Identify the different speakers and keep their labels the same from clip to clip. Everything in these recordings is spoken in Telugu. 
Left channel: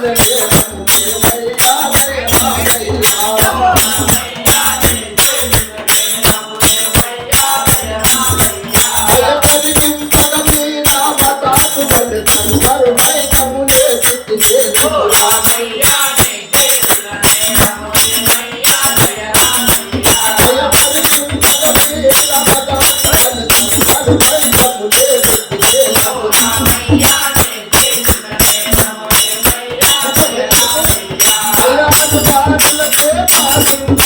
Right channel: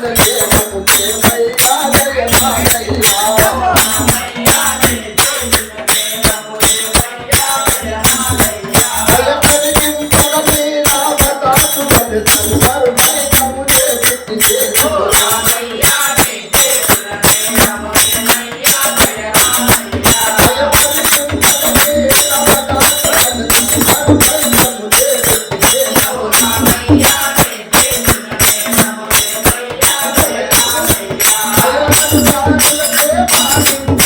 Speaker 1: the पागल पे पागल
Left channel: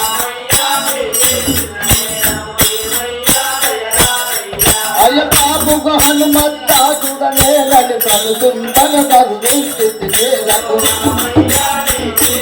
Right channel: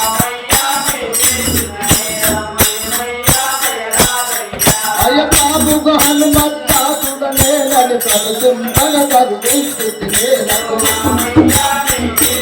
Speaker 1: అడుగు హనుమత్తాసుడ నేలను తడుతుండగ తగ్గిస్తుంది నేలను
Speaker 2: రాగయ్యా